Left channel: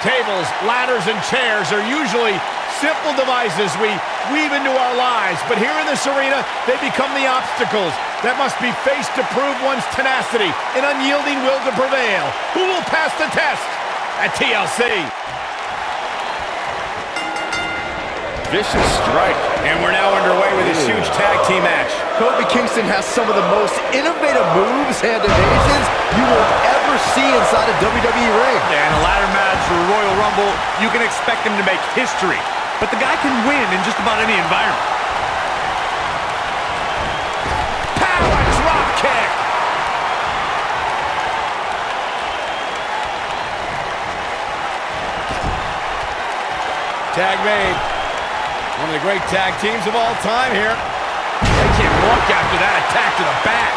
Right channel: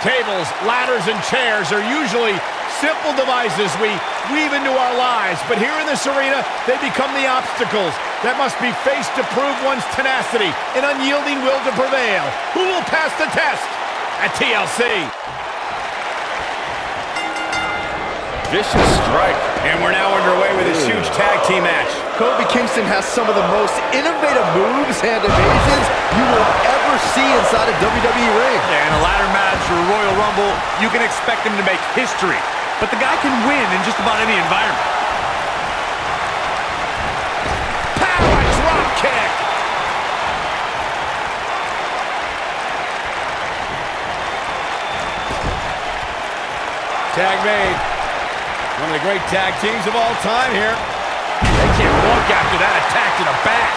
Tables, ladders, and chairs are usually simple devices we weave into our lives, but here in this arena, they become the obstacles that must be faced to prove one's tenacity and unyielding will to prevail. Who will pass the test at TLC? Vicious strike. And we're now underway with this huge tag team match. Kofi Kingston has some of the most innovative moves and evasions you will ever see inside a WWE ring. Yeah, in a ladder match or a Royal Rumble, you can expect him to make history. But the guy can win in just about any environment. Power drop kick. Tag made. One of the great tag teams of all time here. They can't walk after that attack to the back.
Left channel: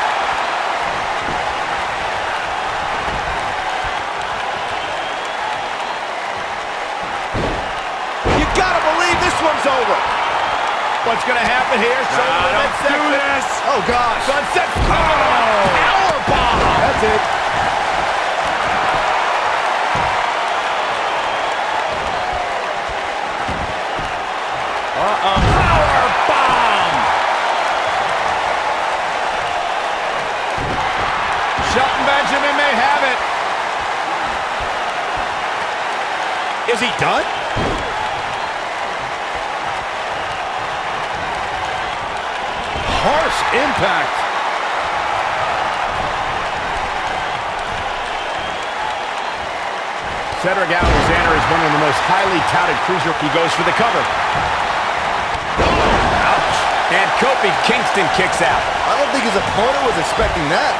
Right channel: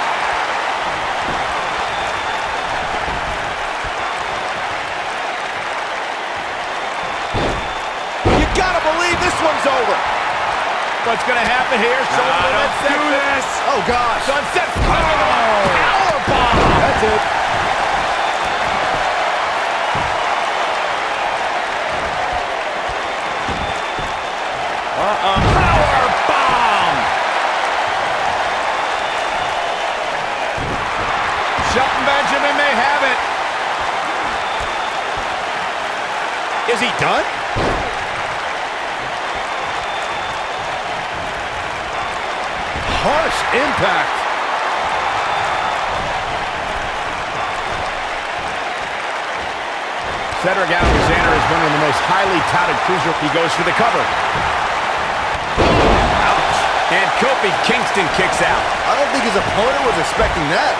You gotta believe this one's over. What's gonna happen here? Don't do this. Oh, gosh. Sunset. Power bomb. That's it. Power bomb! Shelton Benjamin may have it. Is he done? Harsh impact. Cedric Alexander is one of the most highly touted cruiser. He goes for the cover. Ouch. And Kofi Kingston kicks out. I don't think his opponent was expecting that.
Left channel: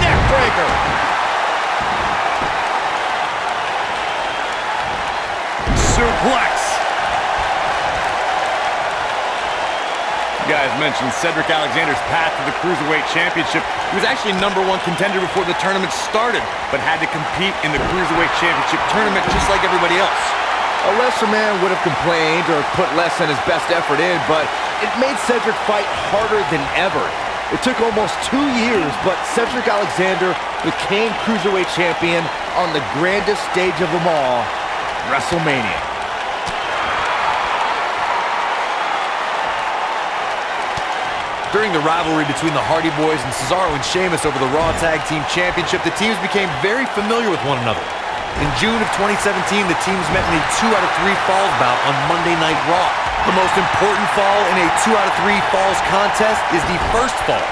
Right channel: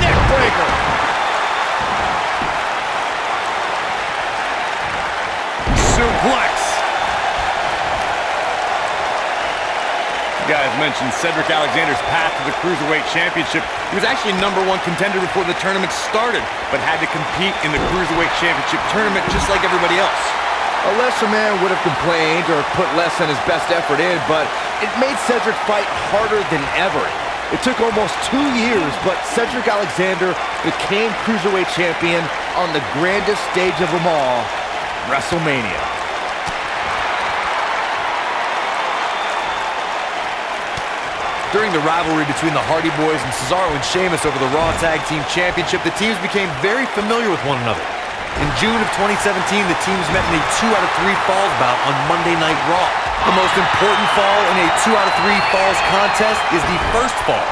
Neck breaker. Suplex. You guys mentioned Cedric Alexander's path to the Cruiserweight Championship. He was actually #1 contender before the tournament started, but had to compete in the Cruiserweight Championship tournament just like everybody else. A lesser man would have complained or put less than his best effort in, but it made Cedric fight harder than ever. It took almost 2 years, but Cedric Alexander became Cruiserweight Champion on the grandest stage of them all, WrestleMania. During the rivalry between the Hardy Boys and Cesaro and Sheamus over the Raw Tag Team Championship, the teams became very familiar with one another. In June of 2017, the teams met in a 2 out of 3 falls bout on Monday Night Raw. The most important fall in a 2 out of 3 falls contest is the first fall.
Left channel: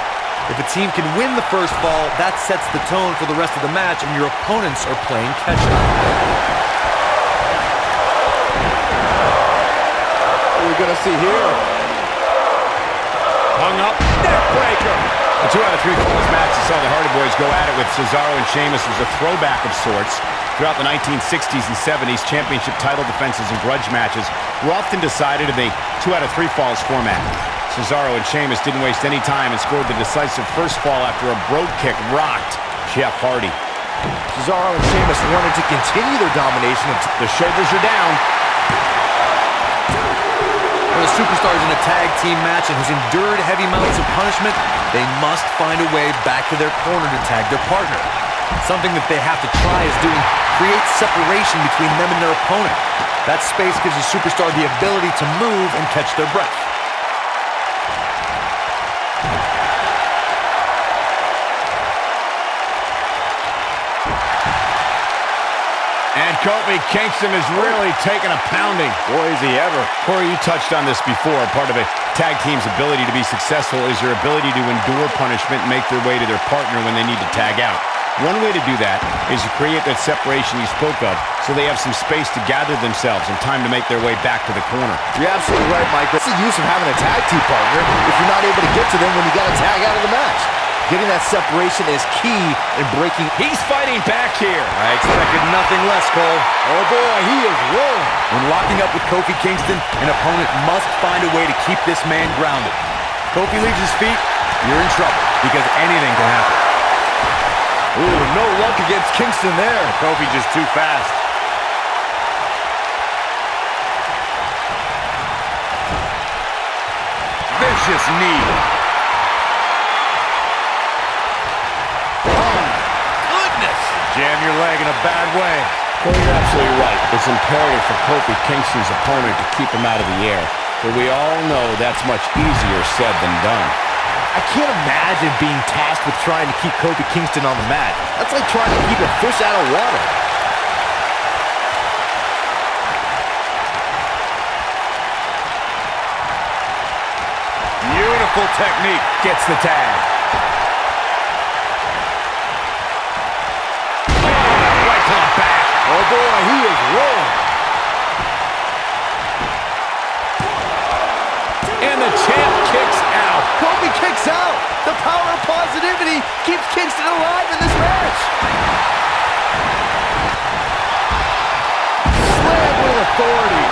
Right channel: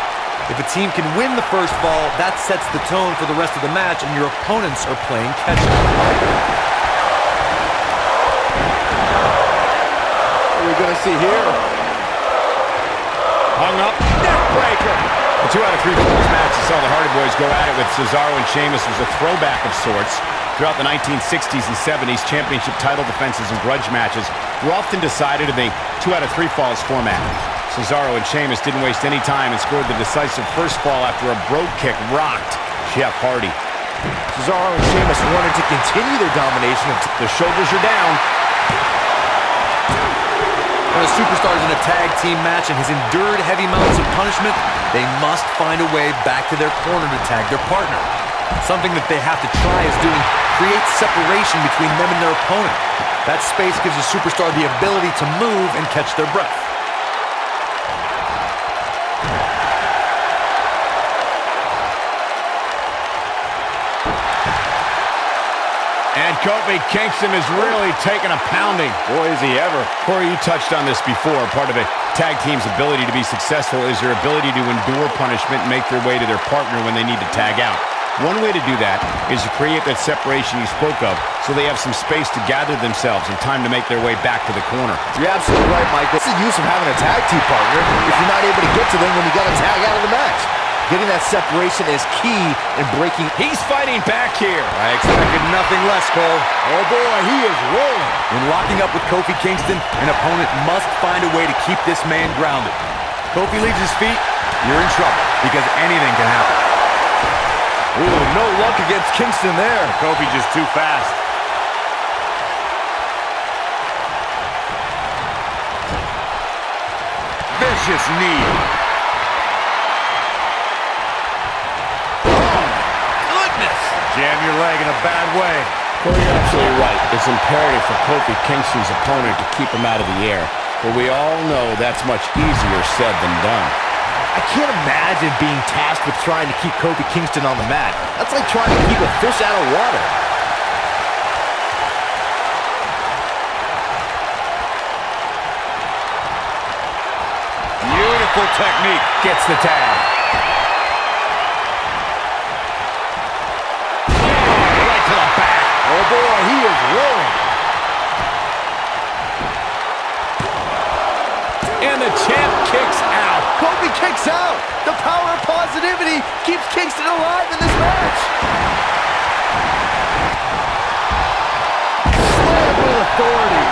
If a team can win the first fall, that sets the tone for the rest of the match, and your opponents are playing catch-up. What are we gonna see here? Hung up. Neck breaker. The 2 out of 3 falls match that saw the Hardy Boys go at it with Cesaro and Sheamus was a throwback of sorts. Throughout the 1960s and 70s, championship title defenses and grudge matches were often decided in a 2 out of 3 falls format. Cesaro and Sheamus didn't waste any time and scored the decisive first fall after a brogue kick rocked Jeff Hardy. Cesaro and Sheamus wanted to continue their domination. The shoulders are down. When a superstar is in a tag team match and has endured heavy amounts of punishment, they must find a way back to their corner to tag their partner. Something that they have to try is doing create separation between them and their opponent. That space gives a superstar the ability to move and catch their breath. And Kofi Kingston has really taken a pounding. Boy, is he ever. Corey, you touched on this before. Part of a tag team's ability to be successful is their ability to endure punishment and make their way to their partner when they need to tag out. One way to do that is to create that separation you spoke of so they have some space to gather themselves and time to make their way back to the corner. You're absolutely right, Michael. What's the use of having a tag team partner if you're not able to get to them when you got to tag out of the match? Getting that separation is key in breaking. He's fighting back here. I expected nothing less, Cole. Oh boy, he is rolling. When locking up with Kofi Kingston, an opponent must find a way to keep this man grounded. Kofi leaves his feet, you're in trouble, because anything can happen. Ooh, no luck against Kingston there. Kofi just too fast. Vicious knee. Jam your leg in a bad way. Corey, you're absolutely right. It's imperative for Kofi Kingston's opponent to keep him out of the air. But we all know that's much easier said than done. I can't imagine being tasked with trying to keep Kofi Kingston on the mat. That's like trying to keep a fish out of water. Beautiful technique. Gets the tag. Oh, right to the back. Oh boy, he is rolling. And the champ kicks out. Kofi kicks out. The power of positivity keeps Kingston alive in this match. Slam with authority.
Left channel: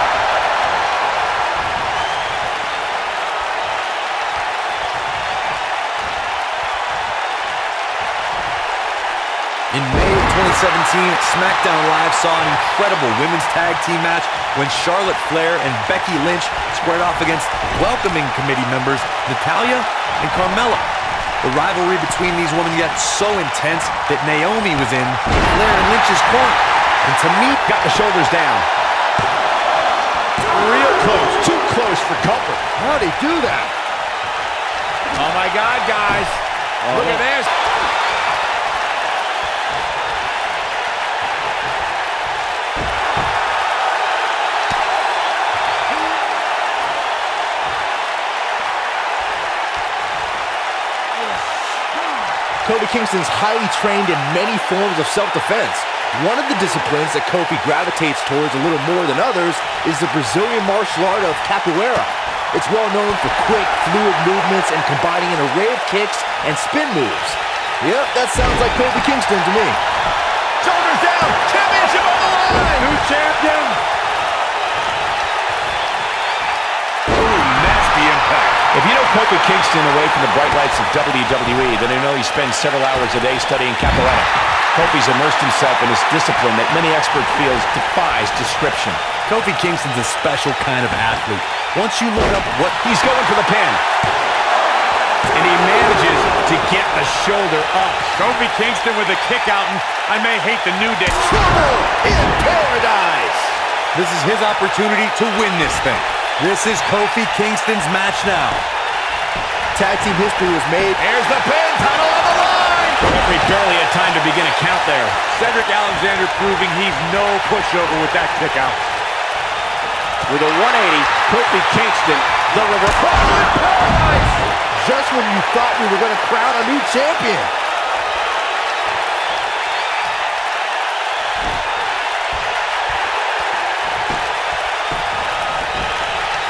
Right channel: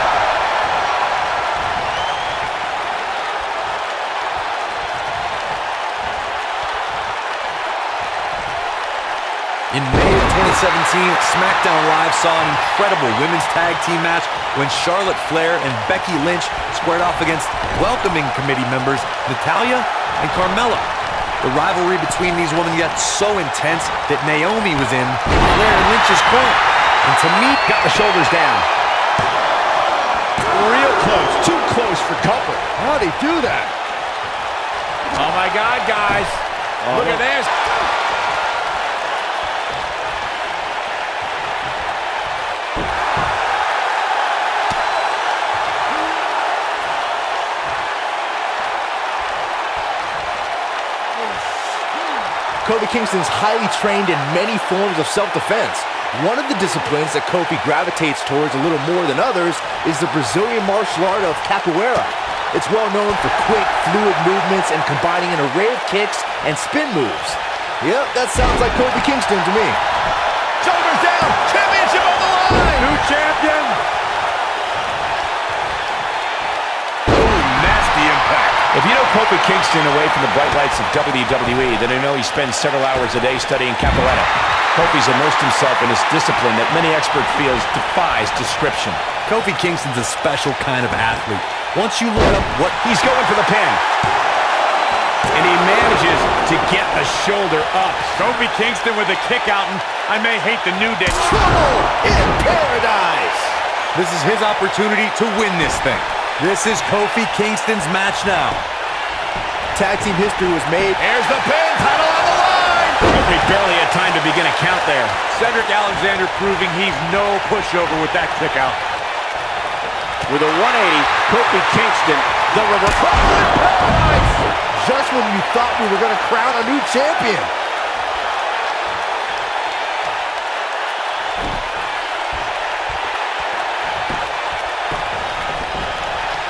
In May of 2017, SmackDown Live saw an incredible women's tag team match when Charlotte Flair and Becky Lynch squared off against welcoming committee members Natalya and Carmella. The rivalry between these women got so intense that Naomi was in Flair and Lynch's corner. And to me, Got the shoulders down. Real close. Too close for comfort. How'd he do that? Oh, my God, guys. Look at this. Kofi Kingston's highly trained in many forms of self-defense. One of the disciplines that Kofi gravitates towards a little more than others is the Brazilian martial art of capoeira. It's well known for quick, fluid movements and combining an array of kicks and spin moves. Yep, that sounds like Kofi Kingston to me. Shoulders down. Championship on the line. new champion. Ooh, nasty impact. If you know Kofi Kingston away from the bright lights of WWE, then you know he spends several hours a day studying capoeira. Kofi's immersed himself in this discipline that many experts feel defies description. Kofi Kingston's a special kind of athlete. Once you look up what He's going for the pin. And he manages to get the shoulder up. Kofi Kingston with a kick out, and I may hate the New Day. Trouble in paradise. This is his opportunity to win this thing. This is Kofi Kingston's match now. Tag team history was made. Here's the pin, title on the line. Referee barely had time to begin a count there. Cedric Alexander proving he's no pushover with that kick out. With a 180, Kofi Kingston, the river. Paradise! Just when you thought we were going to crown a new champion.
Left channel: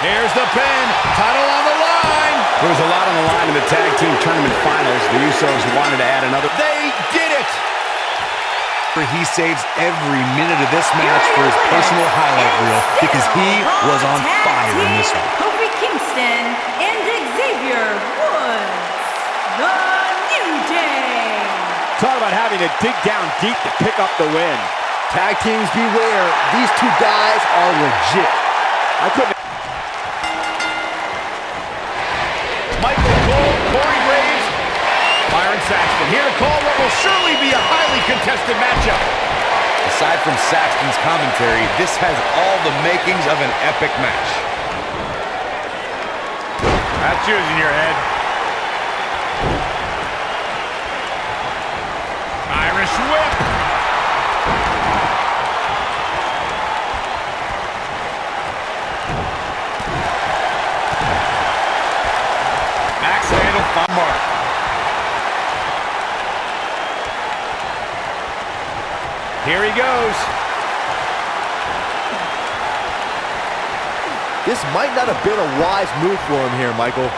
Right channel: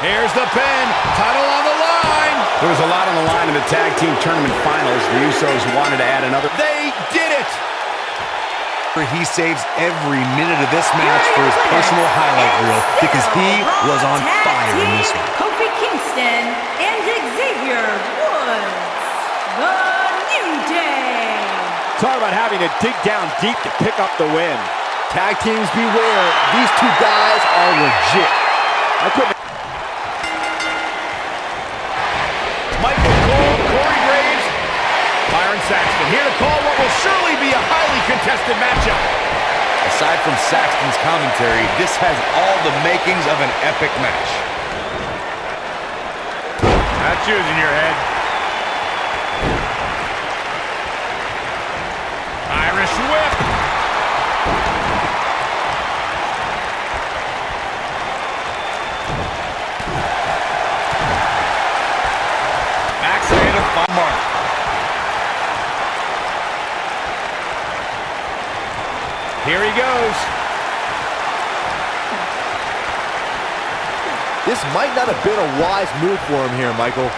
Here's the pin, title on the line. There was a lot on the line in the tag team tournament finals. The Usos wanted to add another. They did it! He saves every minute of this match for his personal highlight reel because he was on fire in this one. Kofi Kingston and Xavier Woods, the New Day. Talk about having to dig down deep to pick up the win. Tag teams beware. These two guys are legit. I couldn't. Michael Cole, Corey Graves, Byron Saxton here to call what will surely be a highly contested matchup. Aside from Saxton's commentary, this has all the makings of an epic match. That's yours in your head. Irish whip. Axe handle by Mark. Here he goes. This might not have been a wise move for him here, Michael.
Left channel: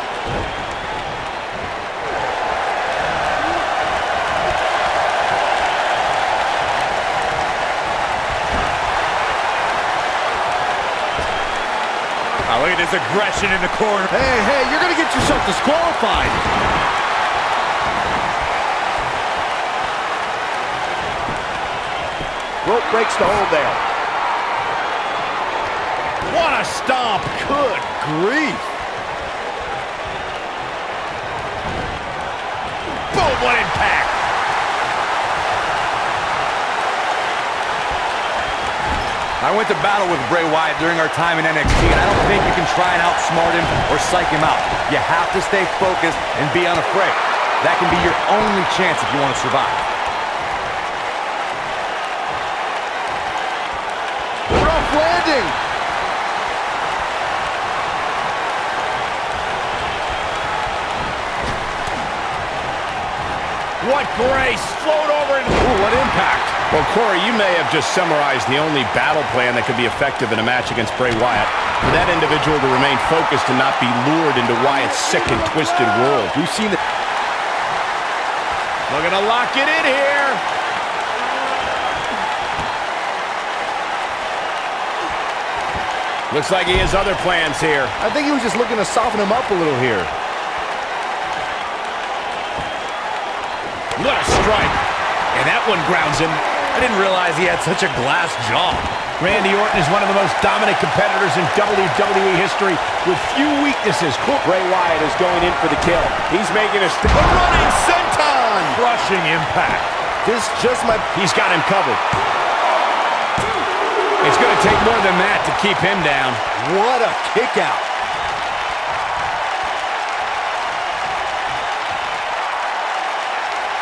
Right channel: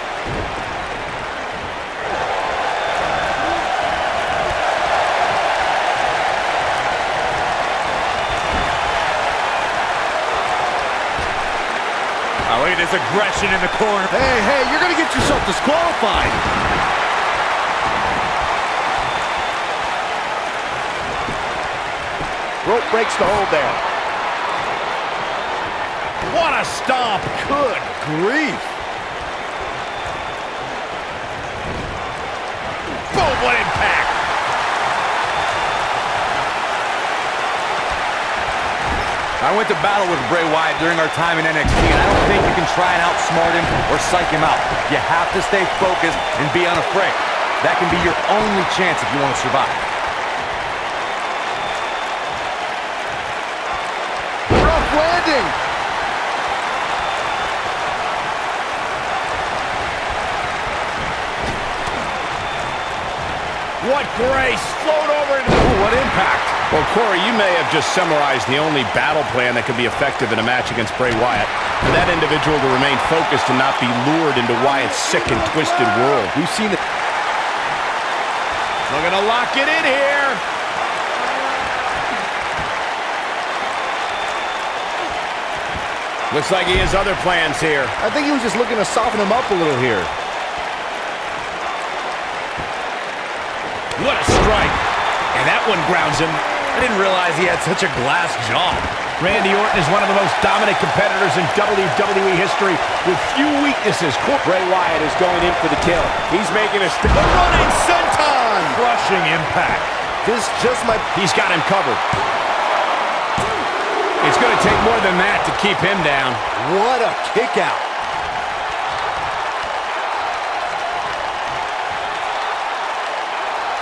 Oh, look at this aggression in the corner. Hey, you're going to get yourself disqualified. Rope breaks the hold there. What a stomp. Good grief. Boom, what impact. I went to battle with Bray Wyatt during our time in NXT, and I don't think you can try and outsmart him or psych him out. You have to stay focused and be unafraid. That can be your only chance if you want to survive. Rough landing. What grace! Float over and... Ooh, what impact! Well, Corey, you may have just summarized the only battle plan that could be effective in a match against Bray Wyatt. For that individual to remain focused and not be lured into Wyatt's sick and twisted world. We've seen the... Looking to lock it in here. Looks like he has other plans here. I think he was just looking to soften him up a little here. What a strike. And that one grounds him. I didn't realize he had such a glass jaw. Randy Orton is one of the most dominant competitors in WWE history with few weaknesses. Bray Wyatt is going in for the kill. He's making a running senton. Crushing impact. This just might... He's got him covered. It's going to take more than that to keep him down. What a kick out.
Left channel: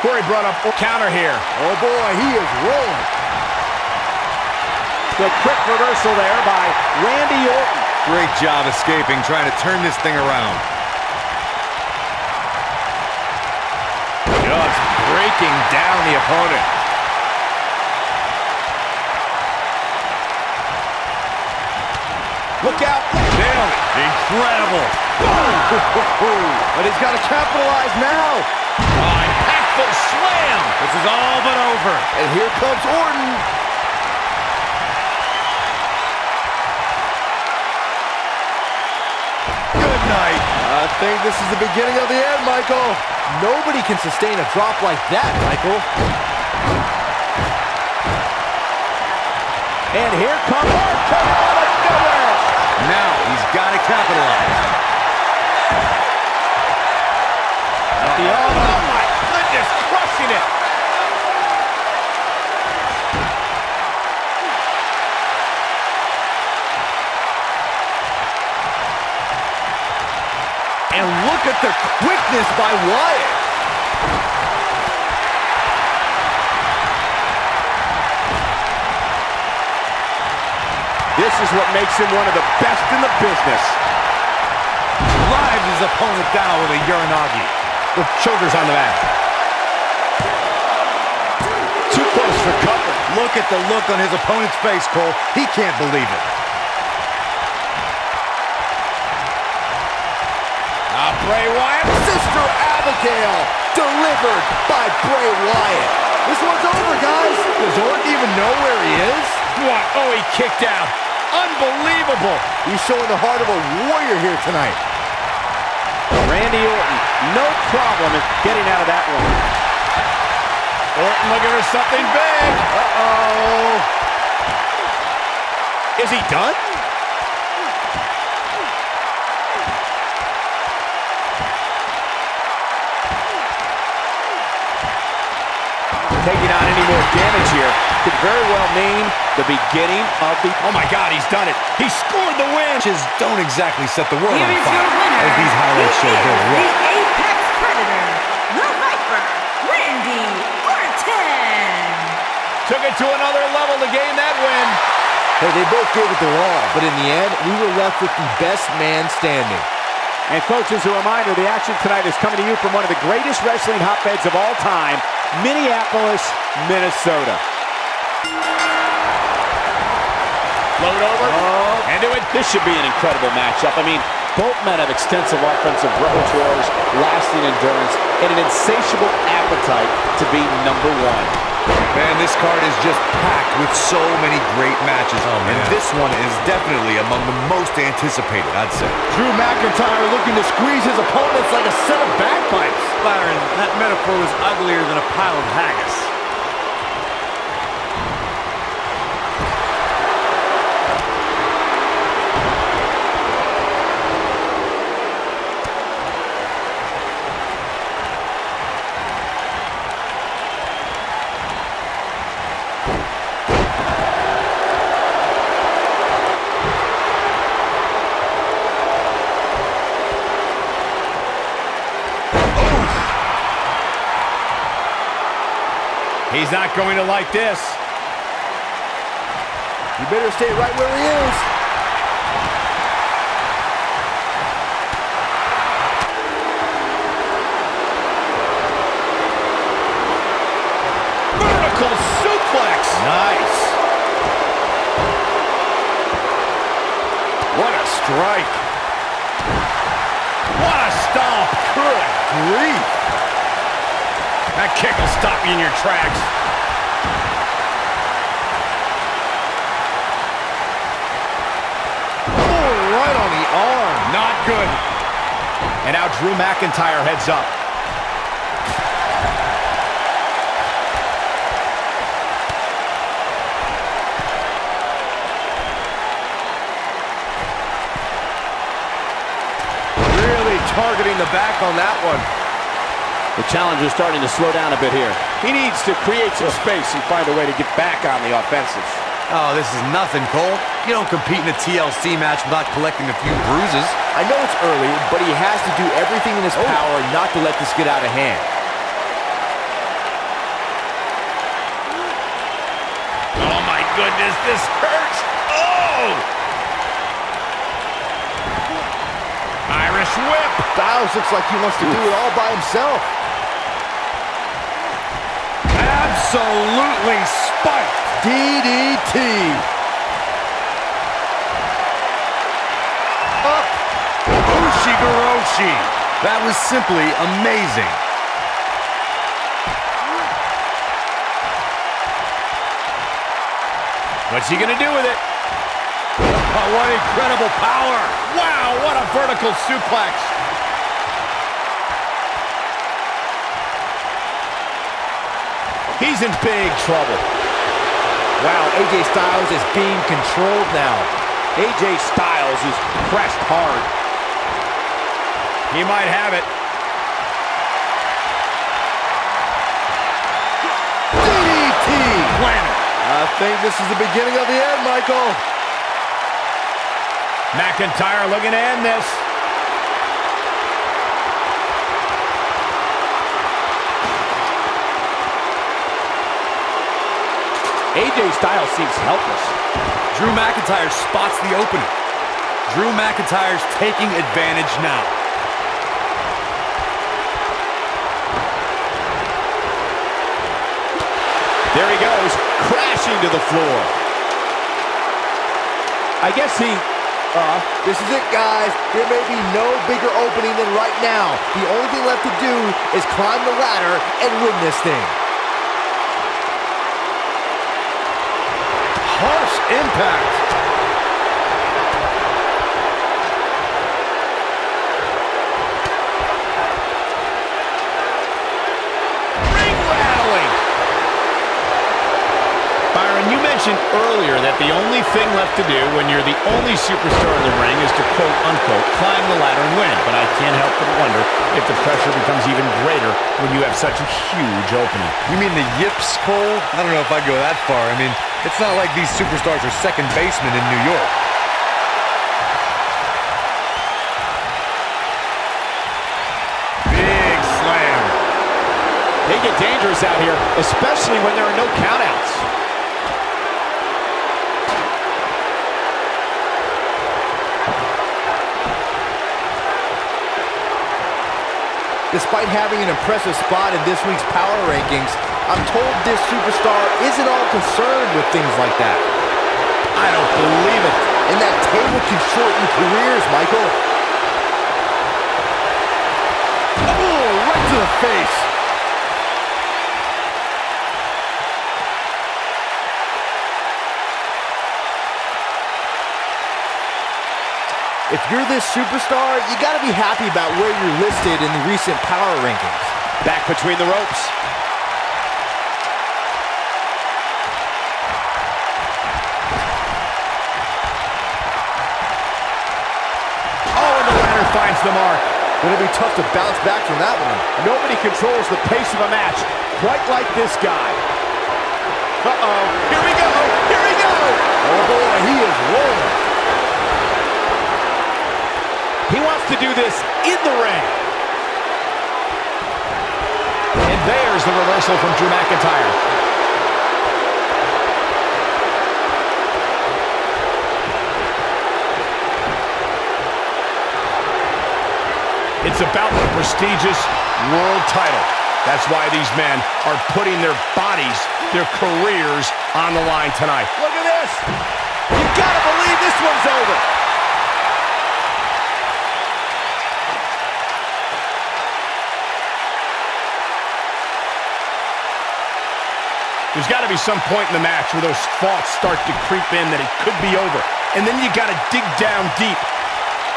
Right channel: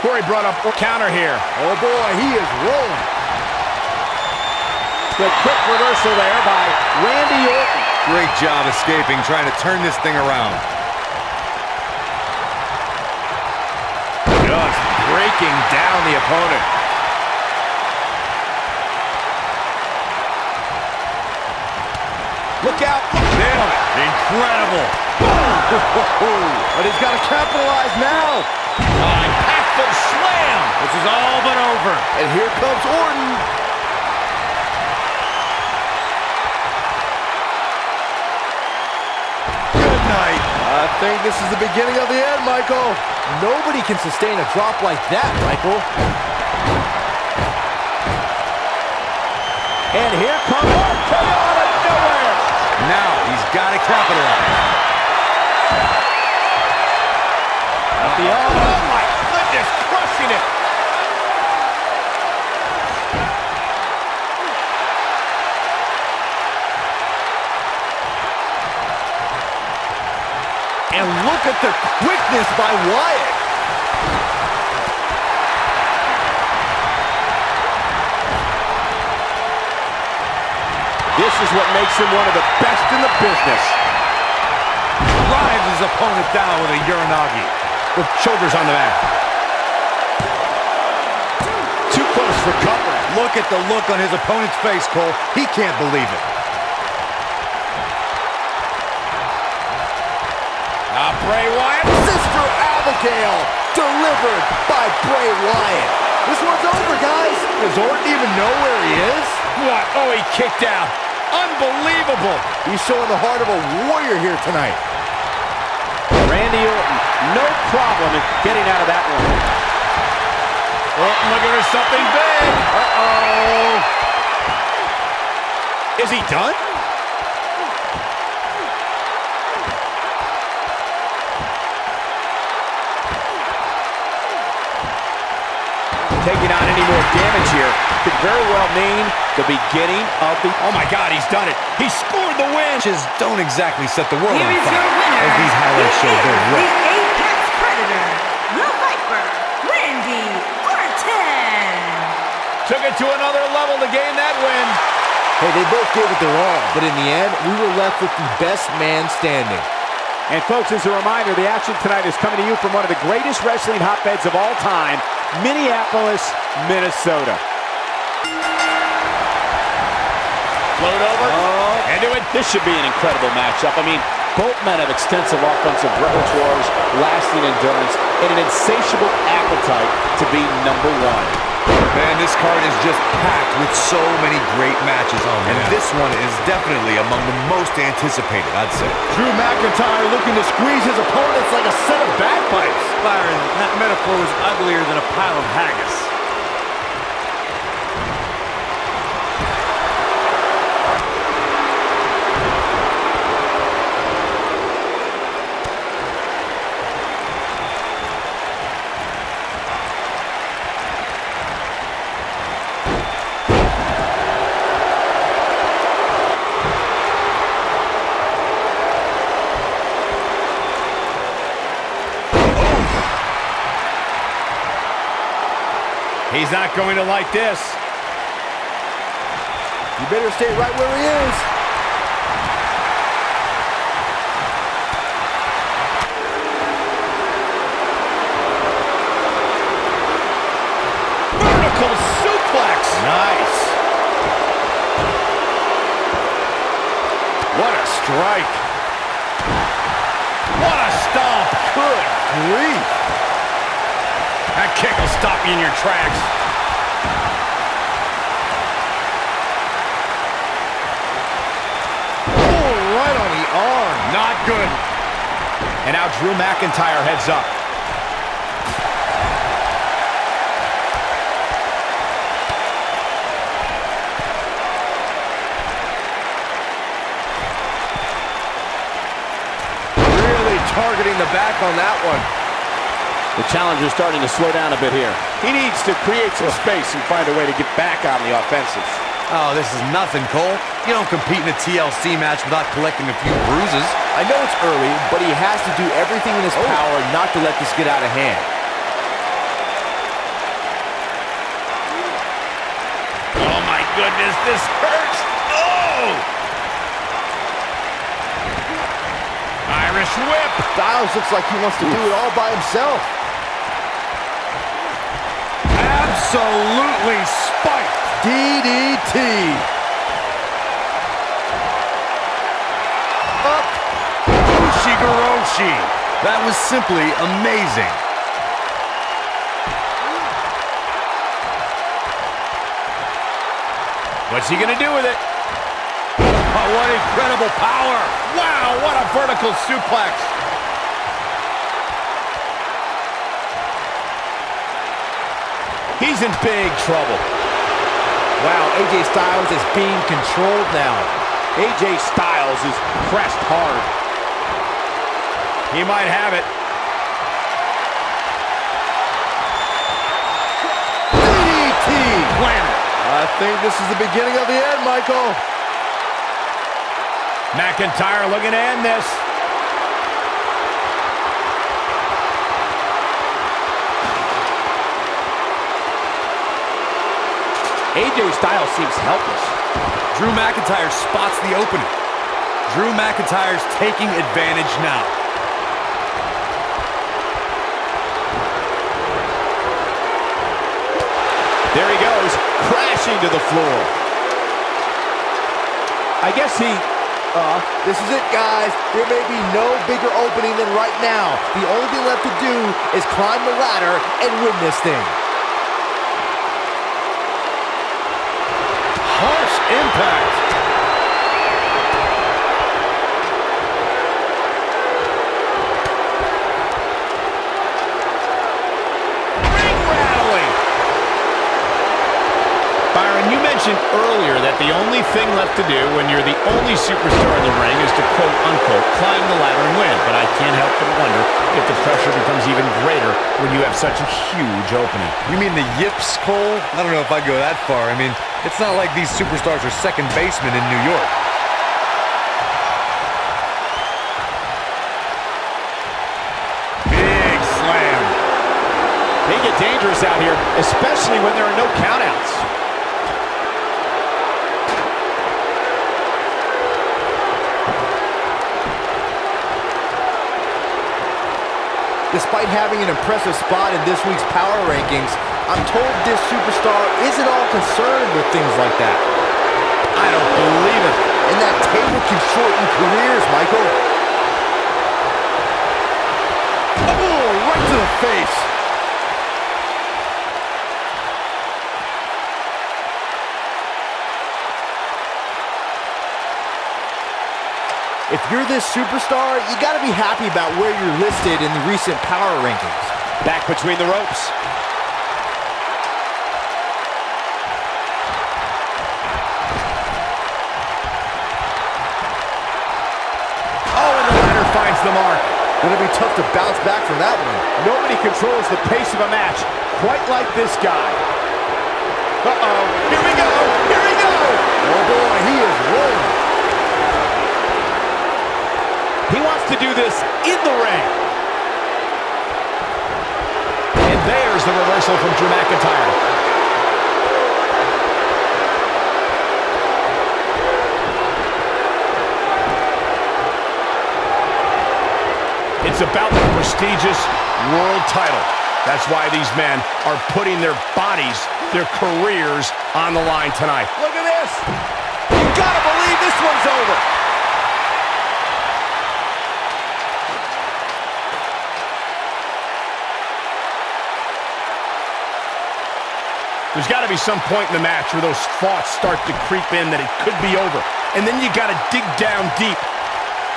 Corey brought up a counter here. Oh boy, he is rolling. The quick reversal there by Randy Orton. Great job escaping, trying to turn this thing around. Just breaking down the opponent. Look out. Nailed it. Incredible. But he's got to capitalize now. Impactful slam. This is all but over. And here comes Orton. Good night. I think this is the beginning of the end, Michael. Nobody can sustain a drop like that, Michael. And here comes RKO out of nowhere. Now he's got to capitalize. Oh my goodness, crushing it. And look at the quickness by Wyatt. This is what makes him one of the best in the business. Drives his opponent down with a Uranagi. The shoulders on the mat. Too close for cover. Look at the look on his opponent's face, Cole. He can't believe it. Bray Wyatt. Sister Abigail, delivered by Bray Wyatt. This one's over, guys. Does Orton even know where he is? What? Oh, he kicked out. Unbelievable. He's showing the heart of a warrior here tonight. Randy Orton, no problem in getting out of that one. Orton looking for something big. Uh-oh. Is he done? Taking on any more damage here could very well mean the beginning of the... Oh my God, he's done it. He scored the win. Just don't exactly set the world Here on is fire, your winner. as these highlights show He very is well. the Apex Predator, the Viper, Randy Orton. Took it to another level to gain that win. Hey, they both gave it their all, but in the end, we were left with the best man standing. And folks, as a reminder, the action tonight is coming to you from one of the greatest wrestling hotbeds of all time, Minneapolis, Minnesota. Float over. Into it. This should be an incredible matchup. I mean, both men have extensive offensive repertoires, lasting endurance, and an insatiable appetite to be number one. Man, this card is just packed with so many great matches. And this one is definitely among the most anticipated, I'd say. Drew McIntyre looking to squeeze his opponents like a set of bagpipes. Byron, that metaphor was uglier than a pile of haggis. He's not going to like this. You better stay right where he is. Vertical suplex. Nice. What a strike. What a stomp. Good grief. That kick will stop you in your tracks. Oh, right on the arm. Not good. And now Drew McIntyre heads up. Targeting the back on that one. The challenger's starting to slow down a bit here. He needs to create some space and find a way to get back on the offensive. Oh, this is nothing, Cole. You don't compete in a TLC match without collecting a few bruises. I know it's early, but he has to do everything in his power not to let this get out of hand. Oh my goodness, this hurts. Oh! Irish whip. Styles looks like he wants to do it all by himself. Absolutely spiked. DDT. Up. Ushigoroshi. That was simply amazing. What's he gonna do with it? Oh, what incredible power! Wow, what a vertical suplex! He's in big trouble. Wow, AJ Styles is being controlled now. AJ Styles is pressed hard. He might have it. DDT! Planet. I think this is the beginning of the end, Michael. McIntyre looking to end this. AJ Styles seems helpless. Drew McIntyre spots the opening. Drew McIntyre's taking advantage now. There he goes, crashing to the floor. I guess he... This is it, guys. There may be no bigger opening than right now. The only thing left to do is climb the ladder and win this thing. Harsh impact. Ring rattling. Byron, you mentioned earlier that the only thing left to do when you're the only superstar in the ring is to quote-unquote climb the ladder and win. But I can't help but wonder if the pressure becomes even greater when you have such a huge opening. You mean the yips, Cole? I don't know if I'd go that far. I mean, it's not like these superstars are second basemen in New York. Big slam. They get dangerous out here, especially when there are no countouts. Despite having an impressive spot in this week's power rankings, I'm told this superstar isn't all concerned with things like that. I don't believe it. And that table can shorten careers, Michael. Oh, right to the face. If you're this superstar, you gotta be happy about where you're listed in the recent power rankings. Back between the ropes. Oh, and the ladder finds the mark. Gonna be tough to bounce back from that one. Nobody controls the pace of a match quite like this guy. Uh-oh. Here we go. Here we go. Oh boy, he is rolling. He wants to do this in the ring. And And there's the reversal from Drew McIntyre. It's about the prestigious world title. That's why these men are putting their bodies, their careers on the line tonight. Look at this. You gotta believe this one's over. There's got to be some point in the match where those thoughts start to creep in that it could be over. And then you got to dig down deep.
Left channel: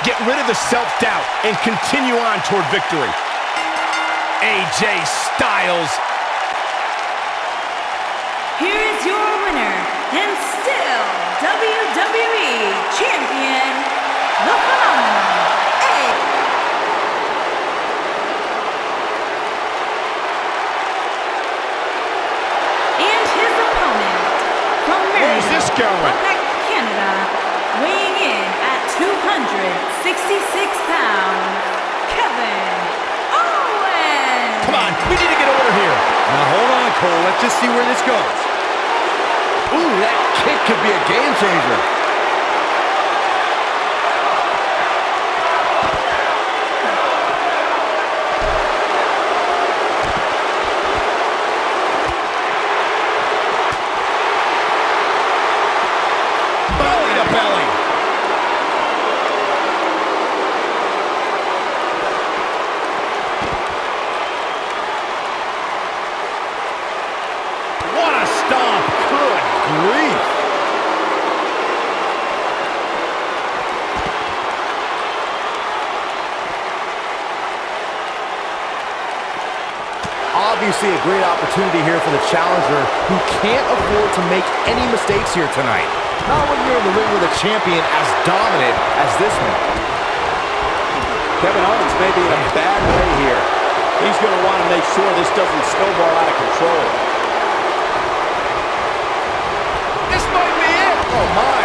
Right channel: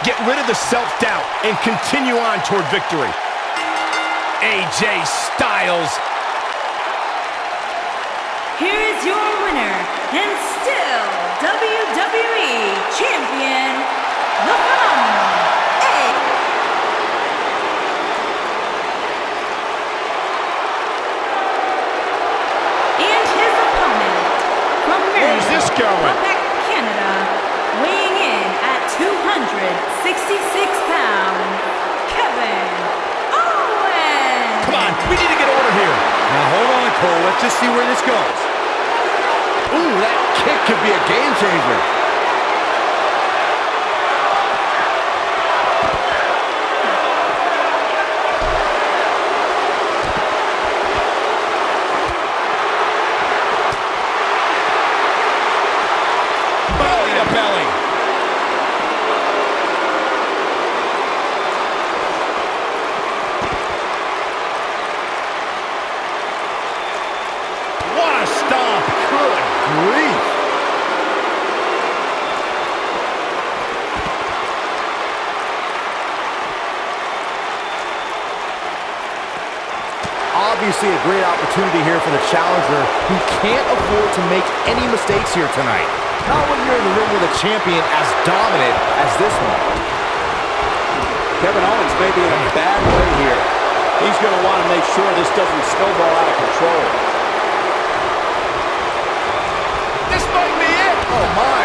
Get rid of the self-doubt and continue on toward victory. AJ Styles. Here is your winner, and still WWE Champion, the phenomenal and his opponent from Where's this going? Quebec, Canada, weighing in at 266 pounds, Kevin Owens. Come on, we need to get order here. Now hold on, Cole. Let's just see where this goes. Ooh, that kick could be a game changer. Belly to belly. What a stomp. Good grief. Obviously a great opportunity here for the challenger who can't afford to make any mistakes here tonight. Not when you're in the ring with a champion as dominant as this one. Kevin Owens may be in a bad way here. He's going to want to make sure this doesn't snowball out of control. This might be it. Oh, my.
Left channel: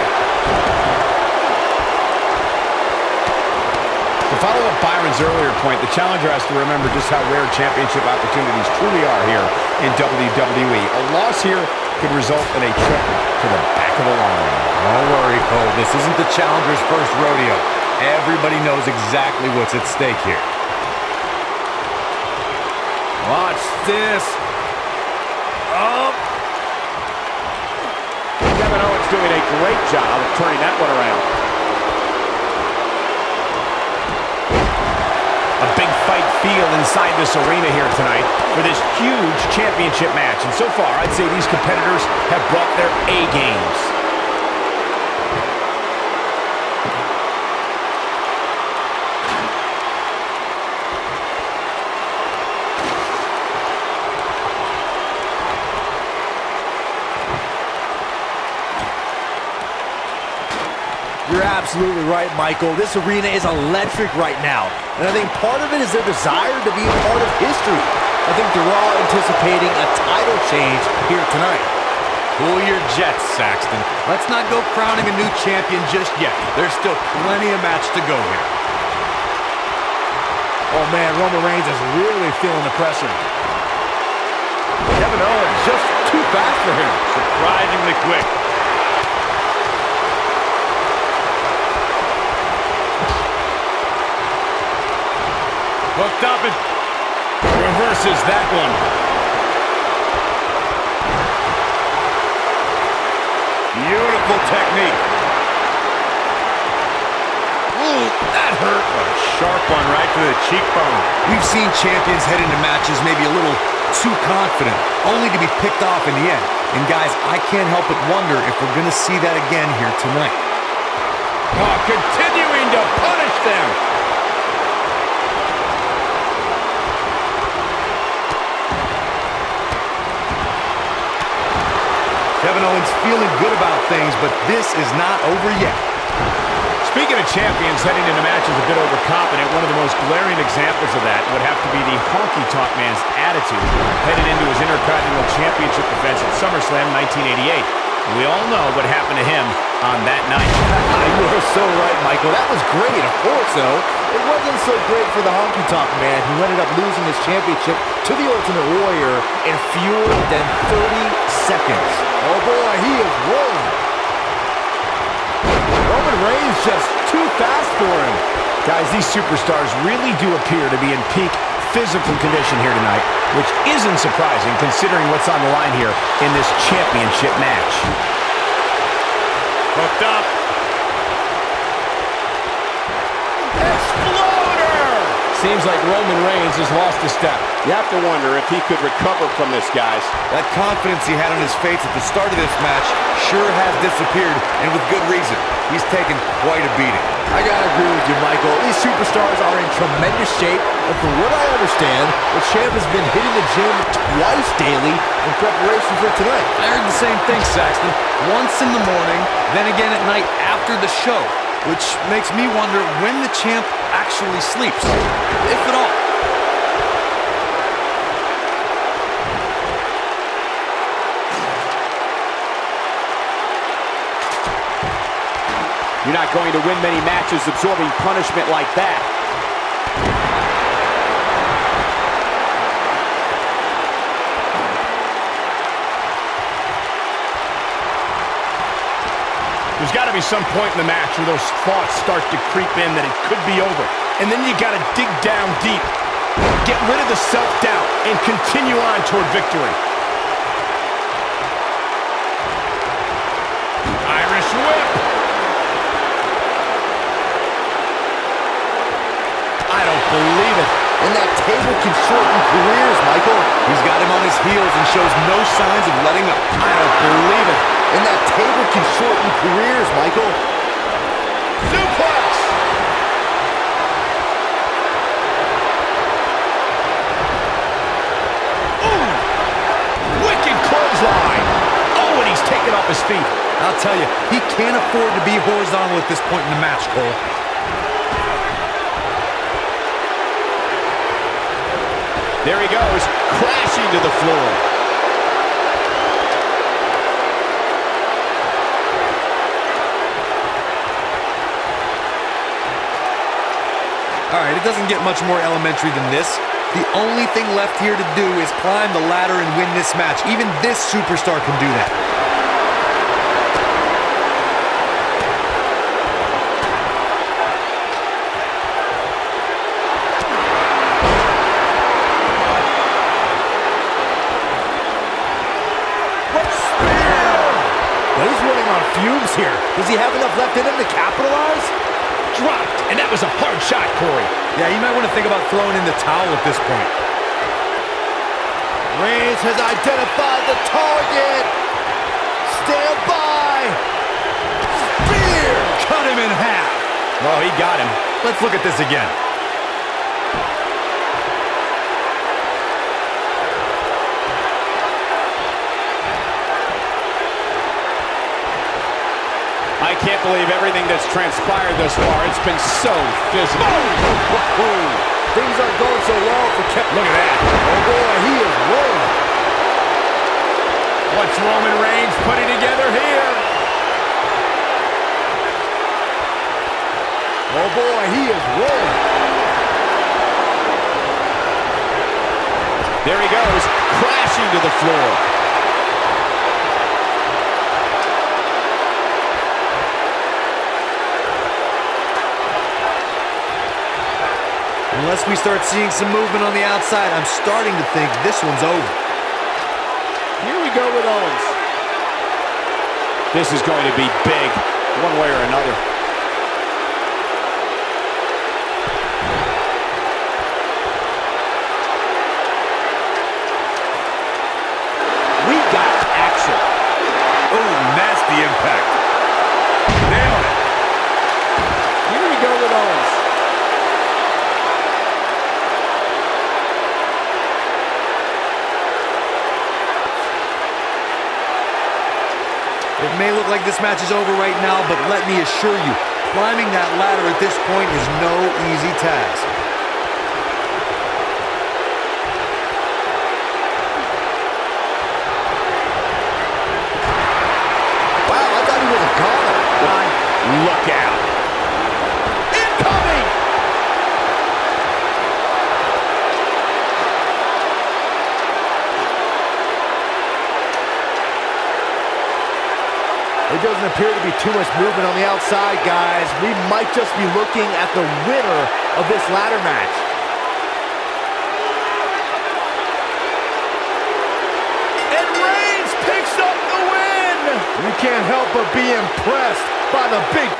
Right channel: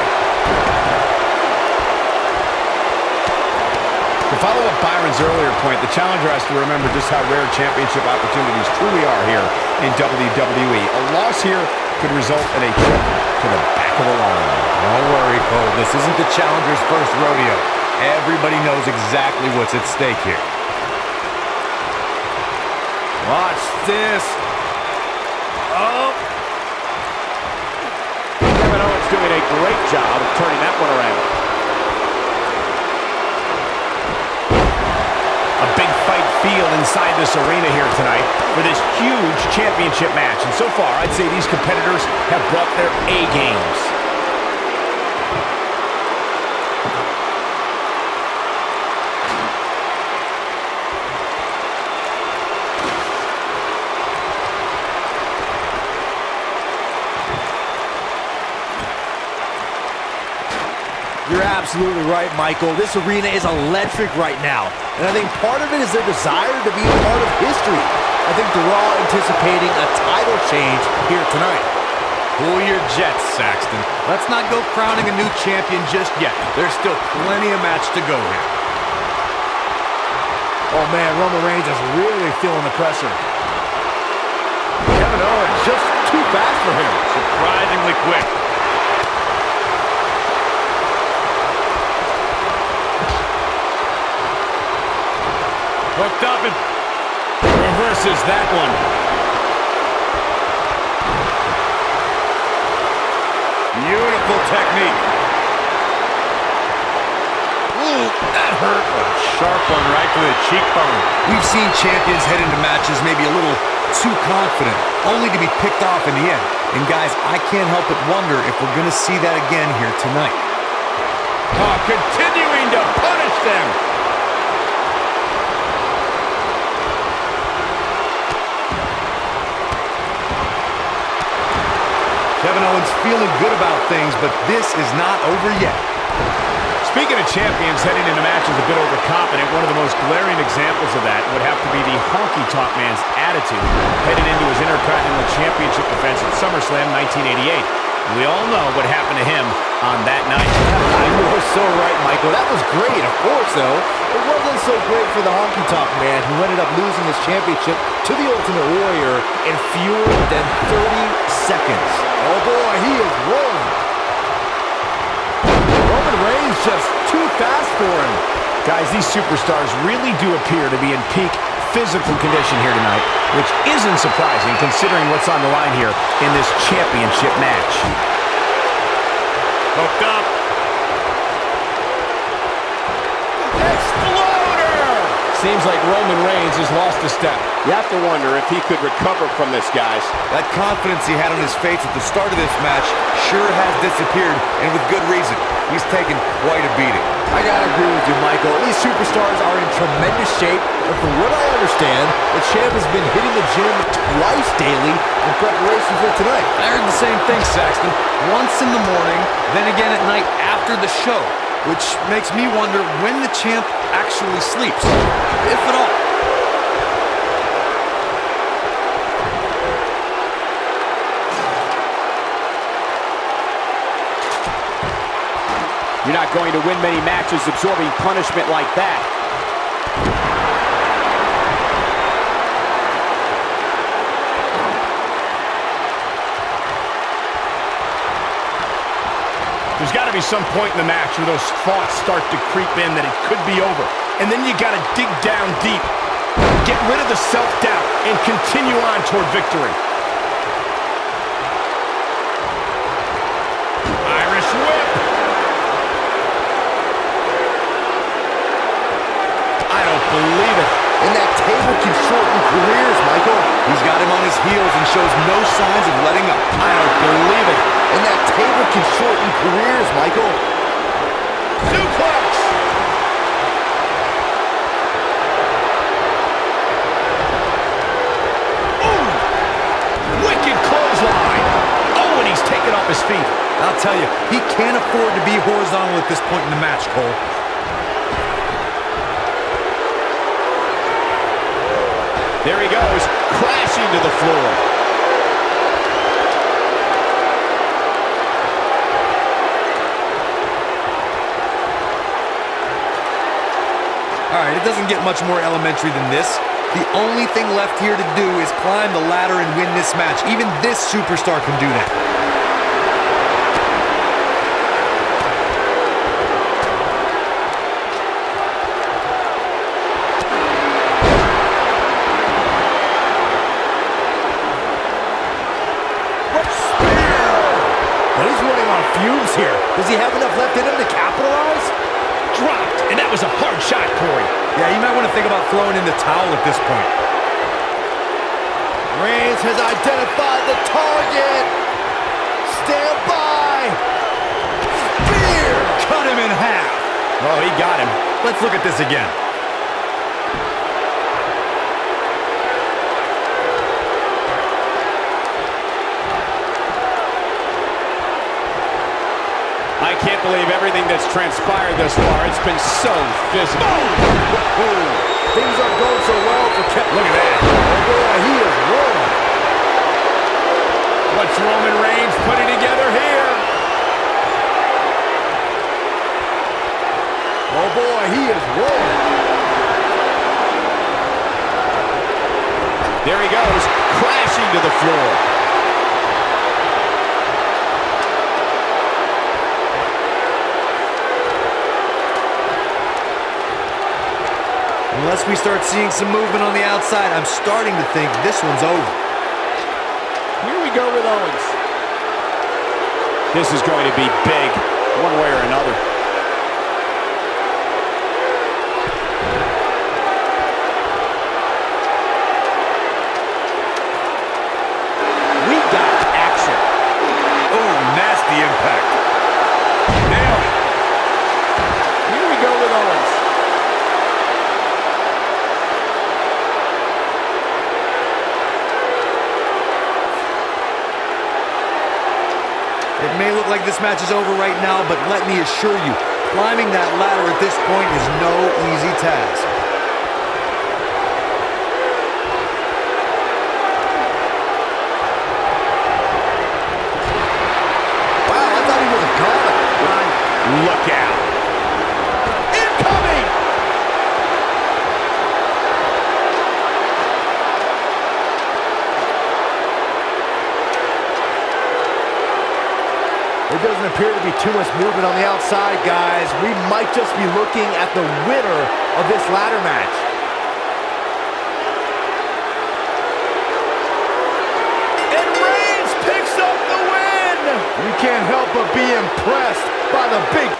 To follow up Byron's earlier point, the challenger has to remember just how rare championship opportunities truly are here in WWE. A loss here could result in a trip to the back of the line. Don't worry, Cole. This isn't the challenger's first rodeo. Everybody knows exactly what's at stake here. Watch this. Oh. Kevin Owens doing a great job of turning that one around. A big fight feel inside this arena here tonight for this huge championship match. And so far, I'd say these competitors have brought their A games. You're absolutely right, Michael. This arena is electric right now. And I think part of it is their desire to be a part of history. I think they're all anticipating a title change here tonight. Cool your jets, Saxton. Let's not go crowning a new champion just yet. There's still plenty of match to go here. Oh, man, Roman Reigns is really feeling the pressure. Kevin Owens just too fast for him. Surprisingly quick. Hooked up and Reverses that one. beautiful technique. Ooh, that hurt. A sharp one right to the cheekbone. We've seen champions head into matches maybe a little too confident, only to be picked off in the end. And guys, I can't help but wonder if we're going to see that again here tonight. Oh, continuing to punish them. Kevin Owens feeling good about things, but this is not over yet. Speaking of champions heading into matches a bit overconfident, one of the most glaring examples of that would have to be the honky-tonk man's attitude headed into his Intercontinental Championship defense at SummerSlam 1988. We all know what happened to him on that night. You are so right, Michael. That was great, of course, though. It wasn't so great for the honky-tonk man who ended up losing his championship to the Ultimate Warrior in fewer than 30 seconds. Oh, boy, he is rolling. Roman Reigns just too fast for him. Guys, these superstars really do appear to be in peak physical condition here tonight, which isn't surprising considering what's on the line here in this championship match. Hooked up. Exploder! Seems like Roman Reigns has lost a step. You have to wonder if he could recover from this, guys. That confidence he had on his face at the start of this match sure has disappeared, and with good reason. He's taken quite a beating. I gotta agree with you, Michael. These superstars are in tremendous shape, and from what I understand, the champ has been hitting the gym twice daily in preparation for tonight. I heard the same thing, Saxton. Once in the morning, then again at night after the show, which makes me wonder when the champ actually sleeps, if at all. You're not going to win many matches absorbing punishment like that. There's got to be some point in the match where those thoughts start to creep in that it could be over. And then you got to dig down deep, get rid of the self-doubt, and continue on toward victory. Irish whip. I don't believe it. And that table can shorten careers, Michael. He's got him on his heels and shows no signs of letting up. I don't believe it. And that table can shorten careers, Michael. Suplex. Ooh. Wicked clothesline. Oh, and he's taken off his feet. I'll tell you, he can't afford to be horizontal at this point in the match, Cole. There he goes, crashing to the floor. All right, it doesn't get much more elementary than this. The only thing left here to do is climb the ladder and win this match. Even this superstar can do that. But he's running on fumes here. Does he have enough left in him to capitalize? Dropped, and that was a hard shot, Corey. Yeah, you might want to think about throwing in the towel at this point. Reigns has identified the target. Stand by. Spear. Cut him in half. Oh, he got him. Let's look at this again. I can't believe everything that's transpired thus far. It's been so physical. Things aren't going so well for Kevin. Look at that. Oh, boy, he is rolling. What's Roman Reigns putting together here? Oh, boy, he is rolling. There he goes, crashing to the floor. Unless we start seeing some movement on the outside, I'm starting to think this one's over. Here we go with Owens. This is going to be big, one way or another. We got action. Oh, nasty impact. Nailed it. Here we go with Owens. It may look like this match is over right now, but let me assure you, climbing that ladder at this point is no easy task. with a collar. Look out. Incoming! There doesn't appear to be too much movement on the outside, guys. We might just be looking at the winner of this ladder match. And Reigns picks up the win! You can't help but be impressed by the big